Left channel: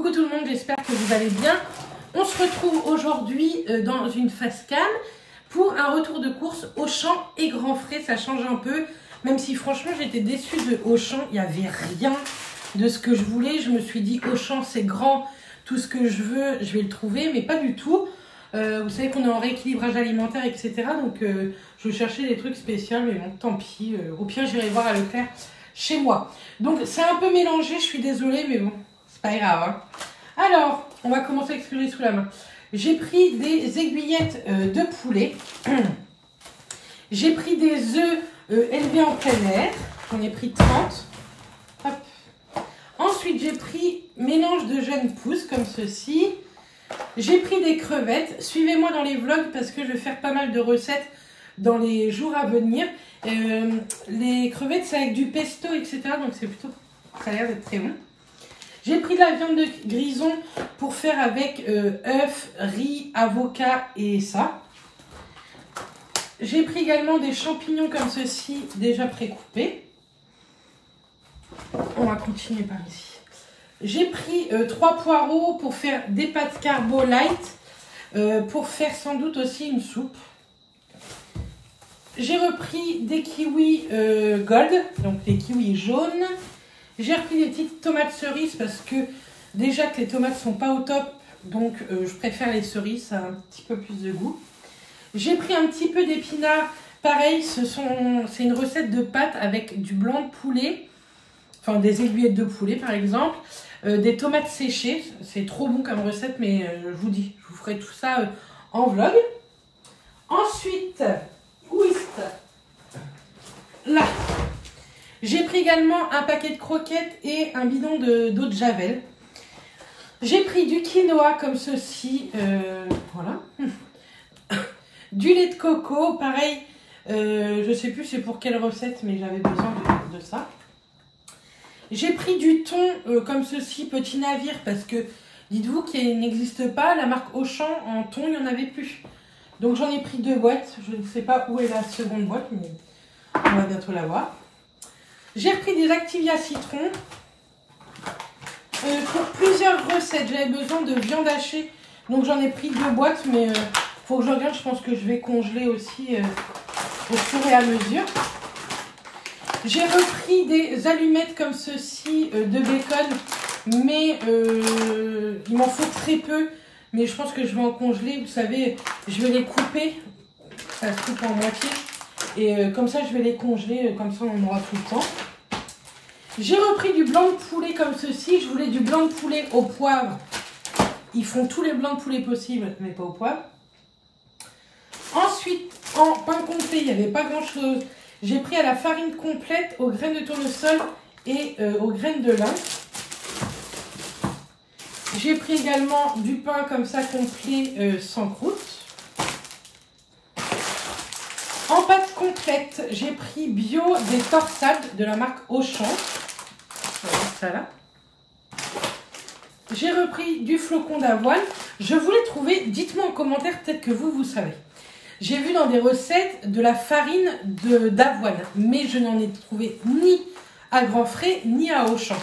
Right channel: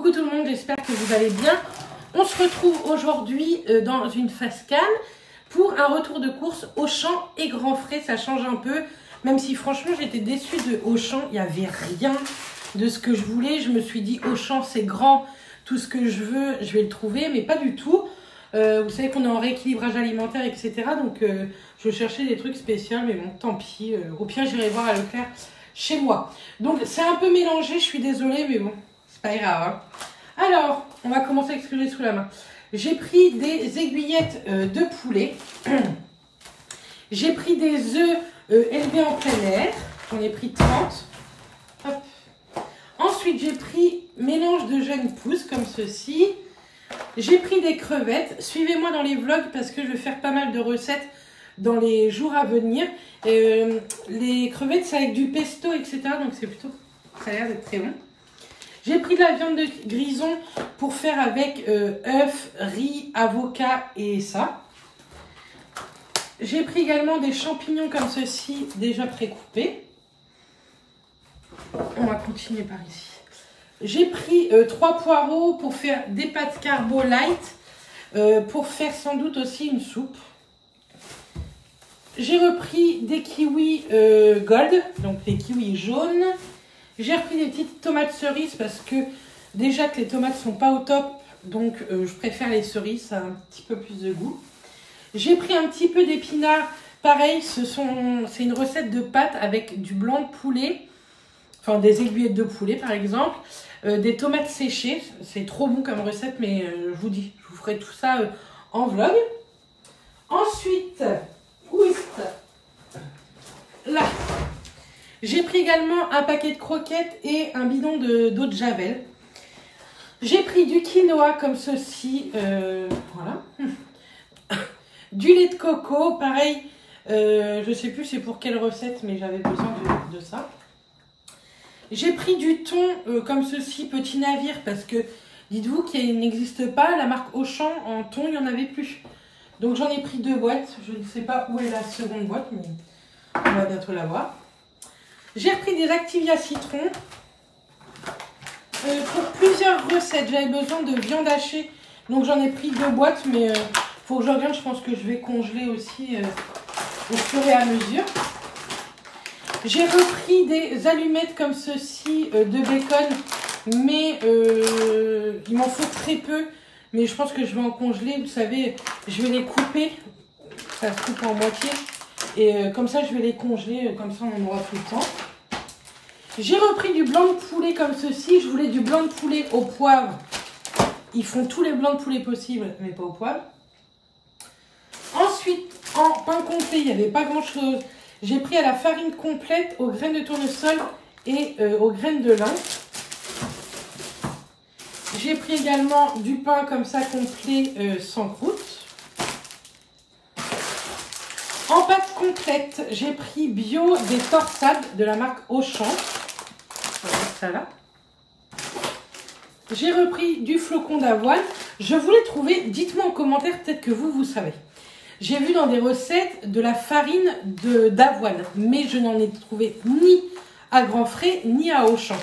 Coucou tout le monde, j'espère que vous allez bien. On se retrouve aujourd'hui dans une face cam pour un retour de course Auchan et Grand Frais. Ça change un peu, même si franchement j'étais déçue de Auchan. Il n'y avait rien de ce que je voulais. Je me suis dit Auchan c'est grand, tout ce que je veux je vais le trouver, mais pas du tout. Vous savez qu'on est en rééquilibrage alimentaire, etc. Donc je cherchais des trucs spéciaux, mais bon, tant pis. Au pire, j'irai voir à Leclerc chez moi. Donc c'est un peu mélangé, je suis désolée, mais bon, c'est pas grave. Hein. Alors, on va commencer avec ce que j'ai sous la main. J'ai pris des aiguillettes de poulet. J'ai pris des œufs élevés en plein air. J'en ai pris 30. Hop. Ensuite, j'ai pris mélange de jeunes pousses comme ceci. J'ai pris des crevettes. Suivez-moi dans les vlogs parce que je vais faire pas mal de recettes dans les jours à venir. Les crevettes, c'est avec du pesto, etc. Donc, c'est plutôt... ça a l'air d'être très bon. J'ai pris de la viande de grison pour faire avec œufs, riz, avocat et ça. J'ai pris également des champignons comme ceci, déjà précoupés. On va continuer par ici. J'ai pris 3 poireaux pour faire des pâtes carbo light, pour faire sans doute aussi une soupe. J'ai repris des kiwis gold, donc les kiwis jaunes. J'ai repris des petites tomates cerises parce que déjà que les tomates sont pas au top, donc je préfère les cerises, ça a un petit peu plus de goût. J'ai pris un petit peu d'épinards, pareil, c'est une recette de pâtes avec du blanc de poulet, enfin des aiguillettes de poulet par exemple, des tomates séchées, c'est trop bon comme recette, mais je vous dis, je vous ferai tout ça en vlog. Ensuite, où est-ce là? J'ai pris également un paquet de croquettes et un bidon d'eau de javel. J'ai pris du quinoa comme ceci, voilà. Du lait de coco, pareil, je sais plus c'est pour quelle recette, mais j'avais besoin de ça. J'ai pris du thon comme ceci, petit navire, parce que dites-vous qu'il n'existe pas, la marque Auchan en thon, il n'y en avait plus. Donc j'en ai pris 2 boîtes, je ne sais pas où est la seconde boîte, mais on va bientôt la voir. J'ai repris des Activia citron pour plusieurs recettes. J'avais besoin de viande hachée, donc j'en ai pris 2 boîtes, mais faut que je regarde. Je pense que je vais congeler aussi au fur et à mesure. J'ai repris des allumettes comme ceci de bacon, mais il m'en faut très peu. Mais je pense que je vais en congeler. Vous savez, je vais les couper. Ça se coupe en moitié. Et comme ça, je vais les congeler, comme ça on aura tout le temps. J'ai repris du blanc de poulet comme ceci. Je voulais du blanc de poulet au poivre. Ils font tous les blancs de poulet possibles, mais pas au poivre. Ensuite, en pain complet, il n'y avait pas grand chose. J'ai pris à la farine complète, aux graines de tournesol et aux graines de lin. J'ai pris également du pain comme ça complet sans croûte. En pâte complète, j'ai pris bio des torsades de la marque Auchan. Voilà, ça là. J'ai repris du flocon d'avoine. Je voulais trouver, dites-moi en commentaire, peut-être que vous savez. J'ai vu dans des recettes de la farine d'avoine, mais je n'en ai trouvé ni à Grand Frais, ni à Auchan.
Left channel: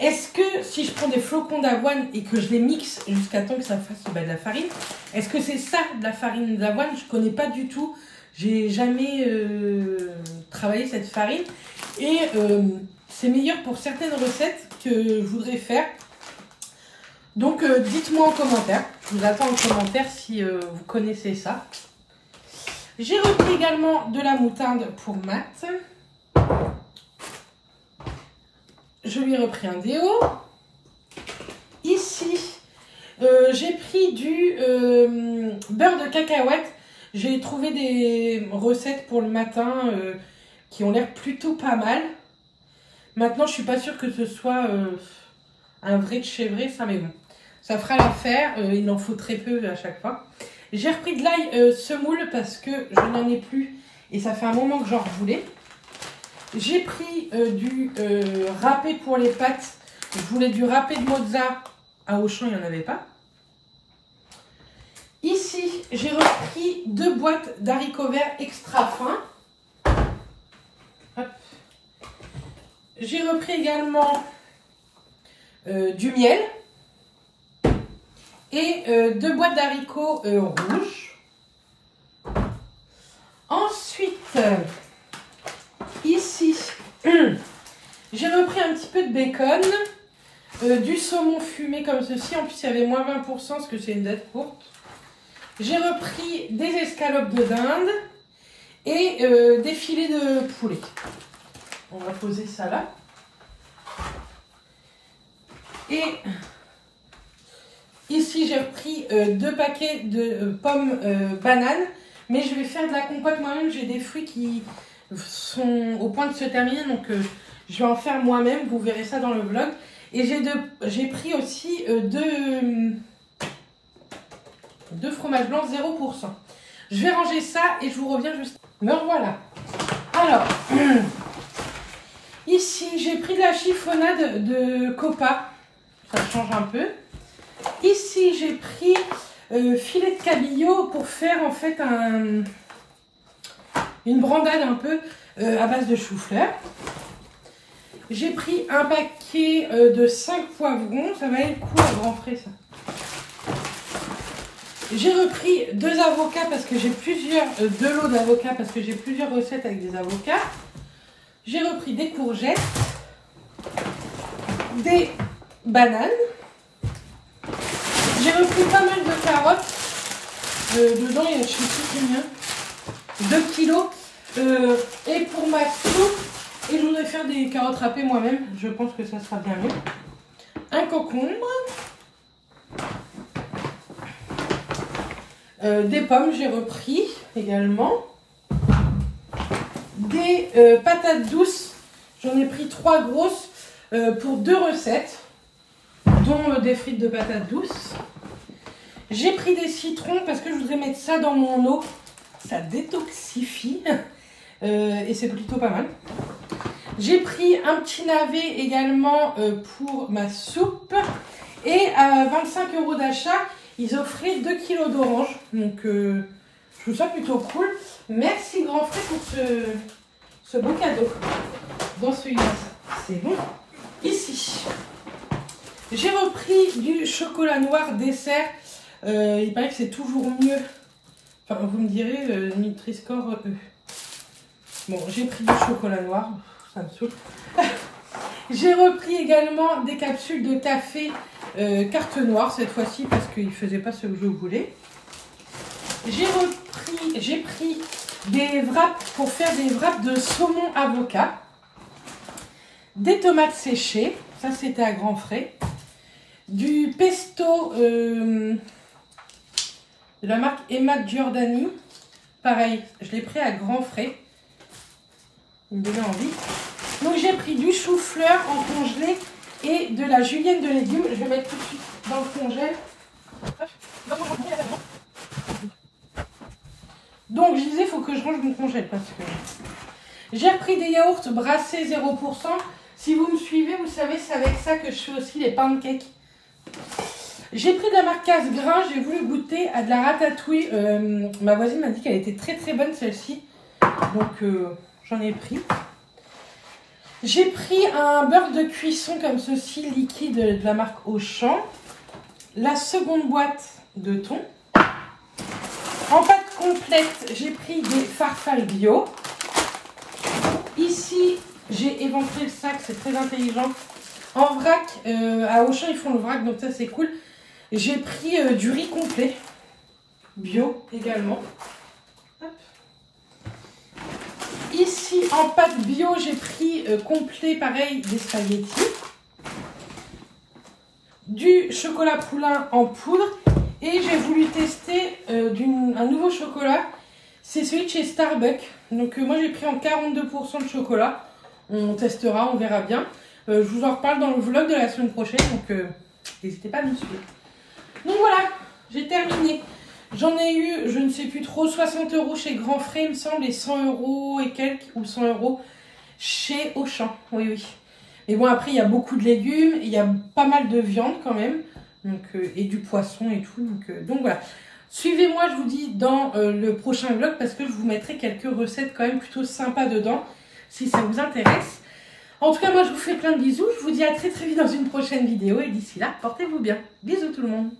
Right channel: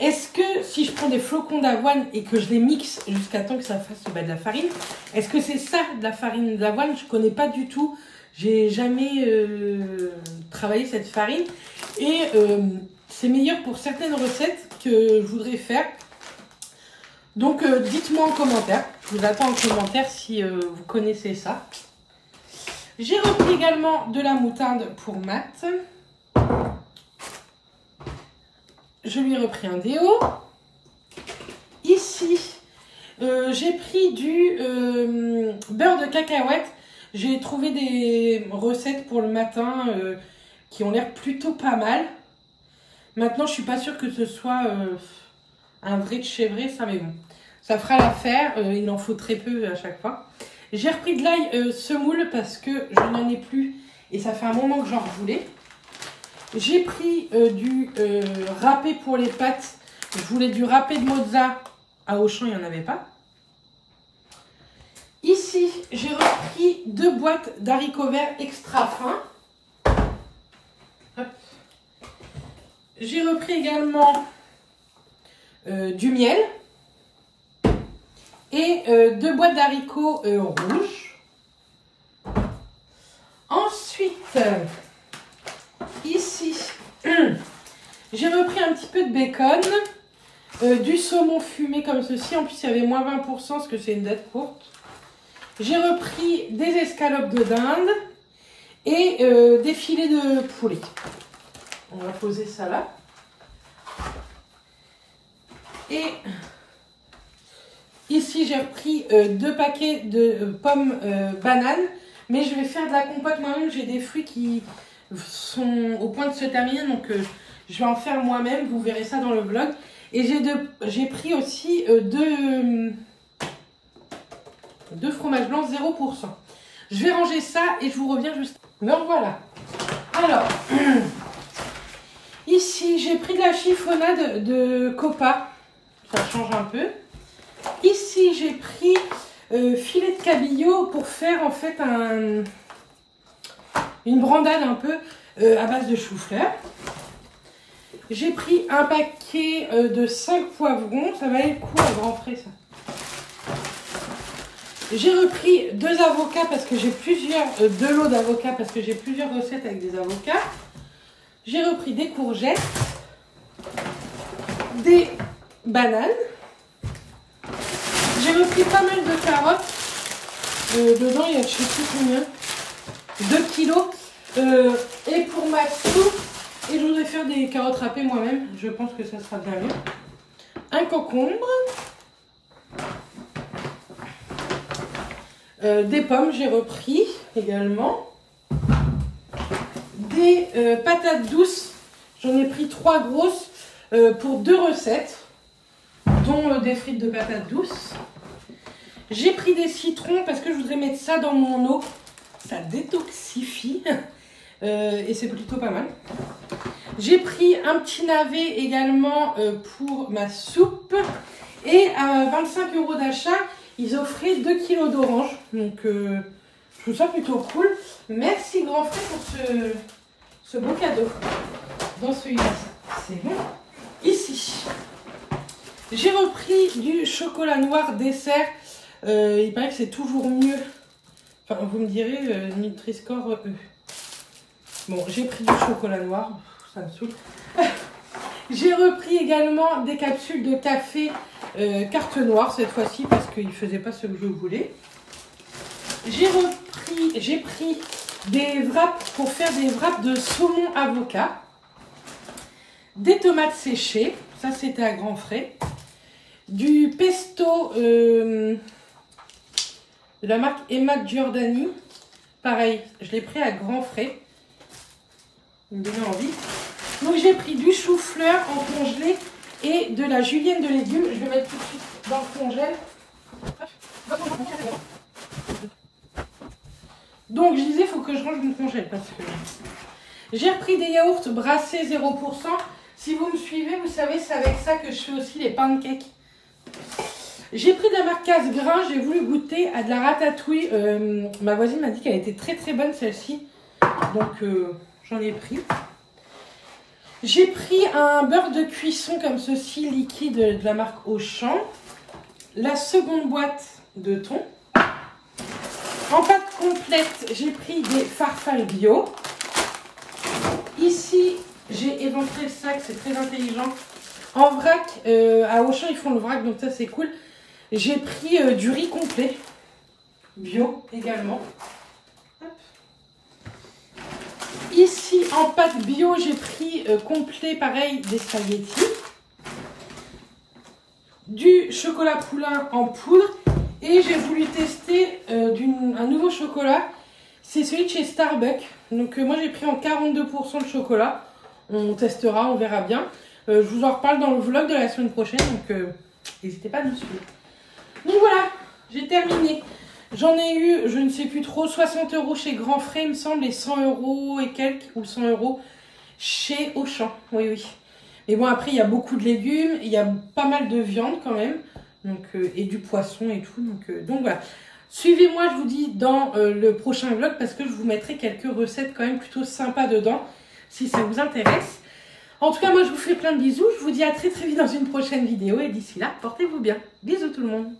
Est-ce que si je prends des flocons d'avoine et que je les mixe jusqu'à temps que ça fasse de la farine, est-ce que c'est ça de la farine d'avoine? Je ne connais pas du tout. J'ai jamais travaillé cette farine et c'est meilleur pour certaines recettes que je voudrais faire. Donc dites-moi en commentaire. Je vous attends en commentaire si vous connaissez ça. J'ai repris également de la moutarde pour Matt. Je lui ai repris un déo. Ici, j'ai pris du beurre de cacahuète. J'ai trouvé des recettes pour le matin qui ont l'air plutôt pas mal. Maintenant, je suis pas sûre que ce soit un vrai de chez vrai, ça, mais bon. Ça fera l'affaire. Il en faut très peu à chaque fois. J'ai repris de l'ail semoule parce que je n'en ai plus et ça fait un moment que j'en voulais. J'ai pris du râpé pour les pâtes. Je voulais du râpé de mozza. À Auchan, il n'y en avait pas. Ici, j'ai repris 2 boîtes d'haricots verts extra fins. J'ai repris également du miel. et 2 boîtes d'haricots rouges. Ensuite, ici, j'ai repris un petit peu de bacon, du saumon fumé comme ceci. En plus, il y avait moins 20% parce que c'est une date courte. J'ai repris des escalopes de dinde et des filets de poulet. On va poser ça là. Et ici, j'ai repris 2 paquets de pommes bananes. Mais je vais faire de la compote moi-même. J'ai des fruits qui sont au point de se terminer. Donc, je vais en faire moi-même. Vous verrez ça dans le vlog. Et j'ai pris aussi 2 fromages blancs 0%. Je vais ranger ça et je vous reviens juste. Me revoilà. Alors, ici, j'ai pris de la chiffonnade de copa. Ça change un peu. Ici, j'ai pris filet de cabillaud pour faire en fait une brandade un peu à base de chou-fleur. J'ai pris un paquet de 5 poivrons. Ça valait le coup à grand frais ça. J'ai repris 2 avocats parce que j'ai plusieurs, 2 lots d'avocats parce que j'ai plusieurs recettes avec des avocats. J'ai repris des courgettes, des bananes. J'ai repris pas mal de carottes. Dedans, il y a, je sais plus combien, 2 kilos. Et pour ma soupe, et je voudrais faire des carottes râpées moi-même. Je pense que ça sera bien mieux. Un concombre. Des pommes, j'ai repris également. Des patates douces. J'en ai pris 3 grosses pour 2 recettes, dont des frites de patates douces. J'ai pris des citrons parce que je voudrais mettre ça dans mon eau. Ça détoxifie. Et c'est plutôt pas mal. J'ai pris un petit navet également pour ma soupe. Et à 25 € d'achat, ils offraient 2 kilos d'oranges. Donc, je trouve ça plutôt cool. Merci Grand Frais pour ce beau cadeau. Dans celui-là, c'est bon. Ici, j'ai repris du chocolat noir dessert. Il paraît que c'est toujours mieux. Enfin, vous me direz, Nutri-Score E. Bon, j'ai pris du chocolat noir. Ça me saoule. J'ai repris également des capsules de café carte noire cette fois-ci parce qu'il ne faisait pas ce que je voulais. J'ai pris des wraps pour faire des wraps de saumon avocat. Des tomates séchées. Ça, c'était à grands frais. Du pesto de la marque Emma Giordani. Pareil, je l'ai pris à grands frais. Il me donnait envie. Donc j'ai pris du chou-fleur en congelé et de la julienne de légumes. Je vais mettre tout de suite dans le congèle. Donc je disais, il faut que je range mon congèle parce que j'ai repris des yaourts brassés 0%. Si vous me suivez, vous savez, c'est avec ça que je fais aussi les pancakes. J'ai pris de la marque Casse-Grain, j'ai voulu goûter à de la ratatouille. Ma voisine m'a dit qu'elle était très très bonne celle-ci. Donc j'en ai pris. J'ai pris un beurre de cuisson comme ceci, liquide de la marque Auchan. La seconde boîte de thon. En pâte complète, j'ai pris des farfales bio. Ici, j'ai éventré le sac, c'est très intelligent. En vrac, à Auchan, ils font le vrac, donc ça c'est cool. J'ai pris du riz complet, bio également. Hop. Ici, en pâte bio, j'ai pris complet, pareil, des spaghettis. Du chocolat poulain en poudre. Et j'ai voulu tester un nouveau chocolat. C'est celui de chez Starbucks. Donc moi, j'ai pris en 42% de chocolat. On testera, on verra bien. Je vous en reparle dans le vlog de la semaine prochaine. Donc n'hésitez pas à me suivre. Donc voilà, j'ai terminé. J'en ai eu, je ne sais plus trop, 60 € chez Grand Frais, il me semble, et 100 € et quelques, ou 100 € chez Auchan. Oui, oui. Mais bon, après, il y a beaucoup de légumes, il y a pas mal de viande quand même, donc, et du poisson et tout. Donc voilà. Suivez-moi, je vous dis, dans le prochain vlog, parce que je vous mettrai quelques recettes quand même plutôt sympas dedans, si ça vous intéresse. En tout cas, moi, je vous fais plein de bisous. Je vous dis à très très vite dans une prochaine vidéo, et d'ici là, portez-vous bien. Bisous tout le monde.